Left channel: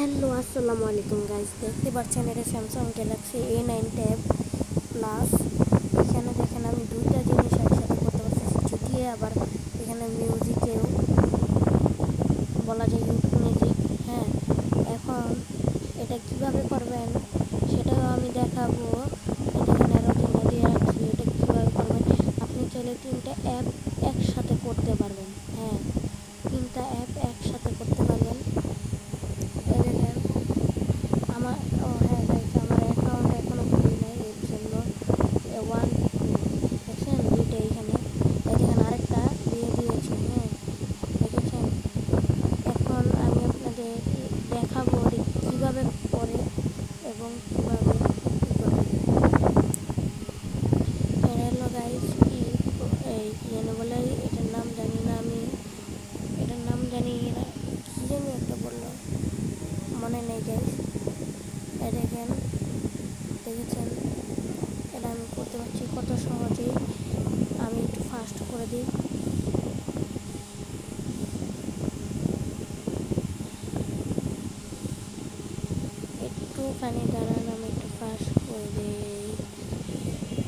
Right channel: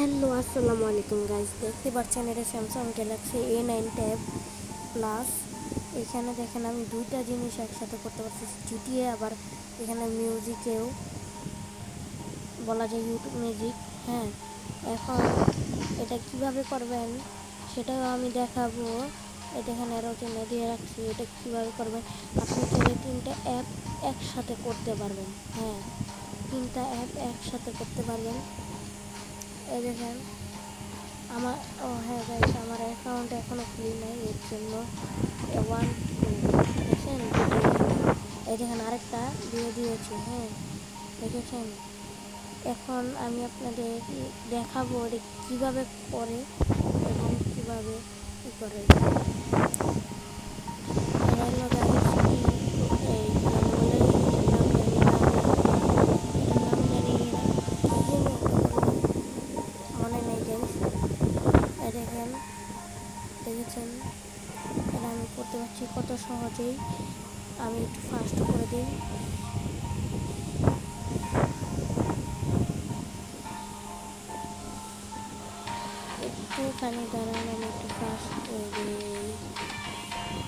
Hello আসসালামু আলাইকুম guys, দেখতে পাচ্ছেন এটা Samsung Galaxy A9 tab plus. এখানে দেখেন আমি দুইটা জিনিস একসাথে করতে পারছি, জিটিএ আবার এখানে মিউজিকেও বলা যায়, ইউটিউব মিউজিক। হ্যাঁ, এখন এটা কিভাবে করবেন সেটাও আমি দেখাবো। এটা এখানে আরও কিনে দিয়ে রাখছি, এটা কীভাবে করবেন। আপনি চাইলে তিনটা অ্যাপ একসাথে করতে পারবেন। হ্যাঁ, তিনটা অ্যাপ একসাথে করতে পারবেন। এই দেখেন আমার, হ্যাঁ গাইস, আমার অ্যাকাউন্ট এখনও খুলি নাই, এর জন্য ওয়ান দেখছেন দুটো এখানে। এই দেখেন আরেকটা দিয়ে দিয়েছি। হ্যাঁ, দেখেছেন। এখন আমি আপনাদের দেখাবো কীভাবে করে এবং কীভাবে কী করে। এটা হলো গাইস কি, এই জানি বলে এটার নাম জানি না আমি, এটার নাম জানি না, কী জানি একটা বললাম, মনে নেই গাইস। দেখেন, দেখেছেন এটা আমি করতে পারছি কত সহজেই। আমি একটু ফাস্ট করে দিই। একটুখানি দাঁড়ান, আমি একটু ফাস্ট করে দিই।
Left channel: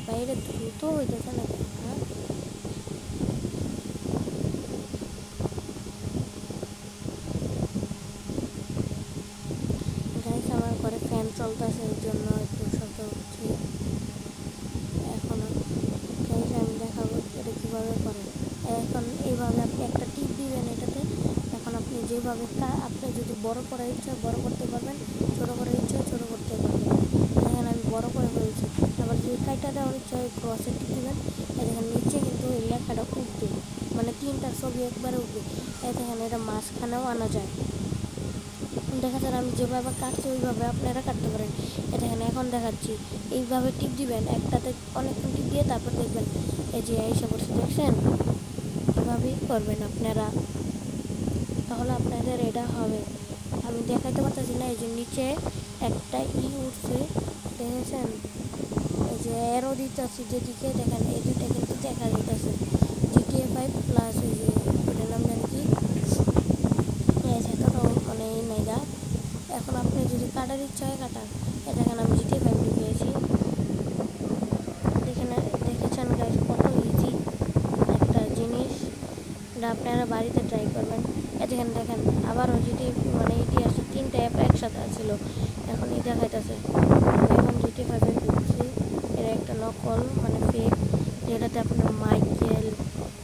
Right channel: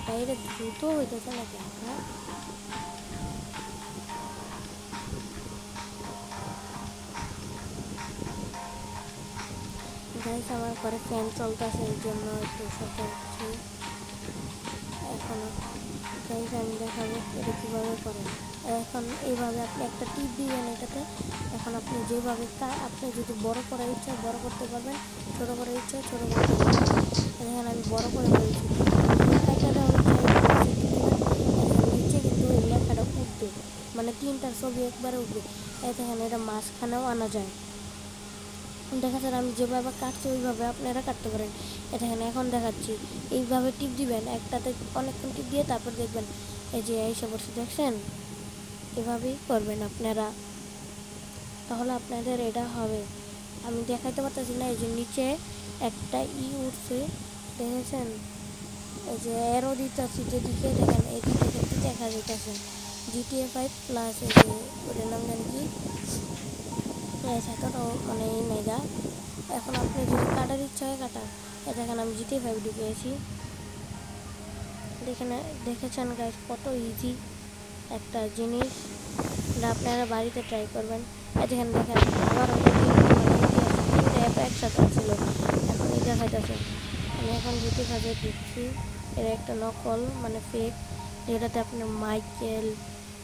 বাইরে দ্রুত হইতেছে না কেন? হ্যাঁ, গাইস আমার ঘরে ফ্যান চলতেছে, এই জন্য একটু শব্দ হচ্ছে এখনও। গাইস আমি দেখাবো এটা কীভাবে করেন। এখন এইভাবে আপনি একটা টিপ দিবেন এটাতে। এখন আপনি যেভাবে আপনি যদি বড় করার ইচ্ছা বড় করতে পারবেন, ছোটো করার ইচ্ছা ছোটো করতে পারবেন। দেখেন আমি বড় করে ফেলছি। যে কাজটা দেওয়ার ইচ্ছা বক্সে টিপ দেবেন। দেখেন নিচে কিন্তু এই লেখাটা উঠবে, মানে তিনটার ছবি একবারে উঠবে। দেখেন এটা মাঝখানেও আনা যায়। দেখা যায় আমি যেভাবে কাটছি ওইভাবে আপনারা কাটতে পারেন। এখানে এখন দেখাচ্ছি, এইভাবে টিপ দিবেন, একটাতে অনেকক্ষণ টিপ দিয়ে তারপর দেখবেন এই যে এইসব করছে, দেখছেন। এভাবেই করবেন আপনারা, তাহলে আপনাদের এটা হবে। আমি দেখাইতে পারতেছি না, এই যে নিচে একটা উঠছে, দেখেছেন। এই যে এরও দিতেছি যেদিকে, দেখেন এই দুটো কিন্তু দেখা যেতেছে GTA 5 প্লাস। এই যে ওটার নাম জানি কি, সেটা তো মানে এই নেগা। এখন আপনি যদি কাটার ইচ্ছা হয় কাটা। দেখেন আমি GTA 5 ঢুকিয়েছি। দেখেছেন গাইস কত ইজি একটা জিনিস, এটা আপনারা বাড়িতে ট্রাই করবেন। দেখেন আবারও যদি মানে ইতিহাসে তিনটে অ্যাপ একসাথে আসছিল, এখন এই দেখাইতেছে। এখন GTA 5 ঢুকছি, এর একটা নকল মানে ফেক, যেটাতে আপনার মাইকেল,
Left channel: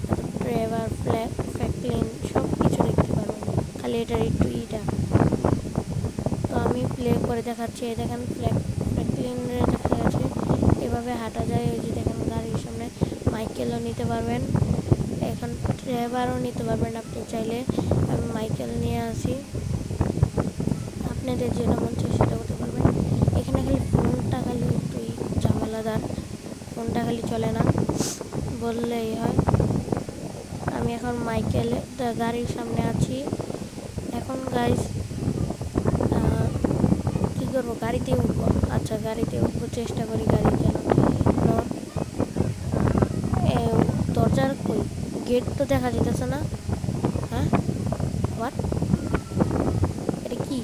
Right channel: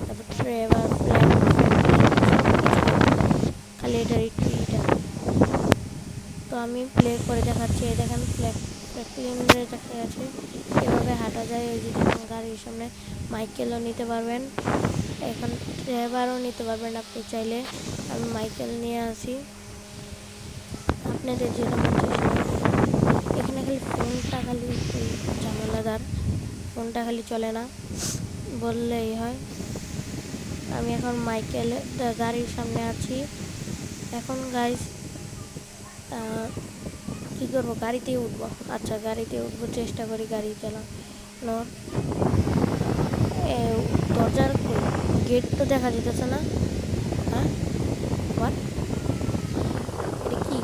তারপর ট্রেভার, ফ্র্যাঙ্কলিন সব কিছু দেখতে পাবেন, খালি এটার একটু ইটা। তো আমি প্লে করে দেখাচ্ছি। এই দেখেন ফ্র্যাঙ্কলিনের দেখা যাচ্ছে, এভাবে হাঁটা যায়। এই যে দেখেন গাড়ির সামনে মাইকেলও নিতে পারবেন, এখন ট্রেভারও নিতে পারবেন আপনি চাইলে। আমি মাইকেল নিয়ে আসি, আপনাদের যেটা মন চাই সেটা হতে পারবেন। এখানে খালি ফোনটা খালি একটু ঝামেলাদার, ফোনটা খালি চলে না বললেই হয়। আমি এখন মাইকেল গাড়ির সামনে আছি। এখন গাইস কী করবো, গাড়িতে উঠবো। আচ্ছা গাড়িতে উঠবো, চেষ্টা করি গাড়ি যেন দরজার কই গেট তো দেখা যেতেছে না। হ্যাঁ, হোয়াট, এটা কি?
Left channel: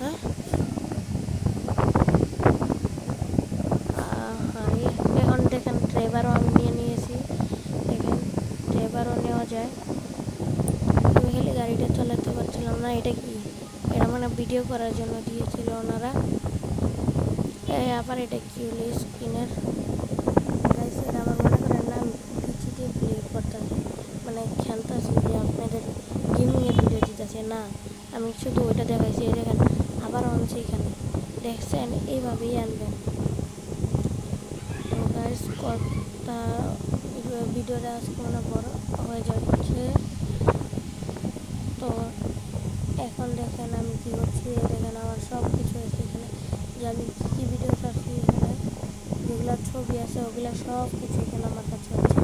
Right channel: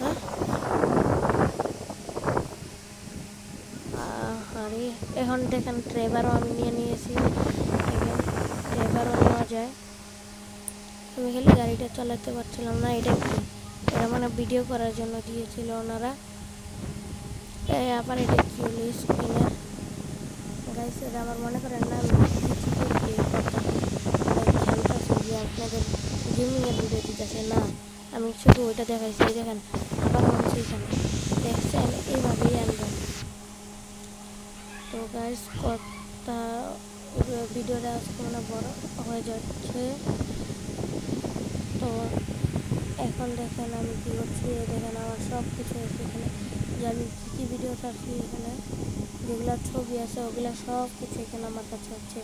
হ্যাঁ, আরে এখন দেখেন ড্রাইভারও আমি নিয়ে নিয়েছি। দেখেন ড্রাইভারও নেওয়া যায়। আমি খালি গাড়িটা চালাতে পারছিলাম না। এটা কি? এটা মানে ভিডিও করার জন্য দিয়েছিল ওনারা। আবার এটা কি হলো স্ক্রিনের গাইস, এটা আমার মনে করেন না আমি পিছিয়ে প্লে করতাম, মানে খেলতেছি যে আপনাদের গেমিংয়ের ভিডিও দিতেছে না, আমি শুধু ওইটা দেখাইছি। এই দেখেন আবার আনছে এখানে, দেখছেন। এইভাবেই আনবেন। তো গাইস কথা, ভিডিওটা আজকে মনে বড় হয়ে যাচ্ছে। তো এখন দেখেন আমি কী করছি। দেখেন আমার সব কিছু আছে এখানে, যে আমি কী ভিডিও ছাড়ছি, এখানে যেগুলো ছবি আছে ওগুলো সব কিছু এখানে আমার কাছে আছে।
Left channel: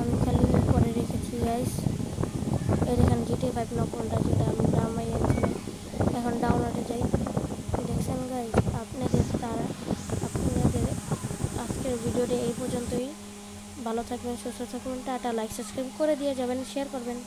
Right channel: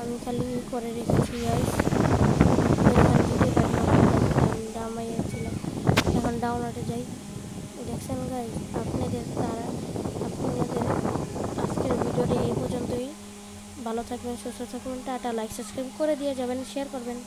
আমি খালি করে রেখেছি গাইস। এখানে GTA 5 নকলটা যেটা আমি নামাইয়াছিলাম, এখন ডাউনলোডে যাই। দেখছেন গাইস, আপনাদের আজকের ভিডিওটা এই পর্যন্তই। ভালো থাকবেন, সুস্থ থাকবেন, টাটা। লাইক সাবস্ক্রাইব করে দিয়ে যাবেন, শেয়ার করবেন।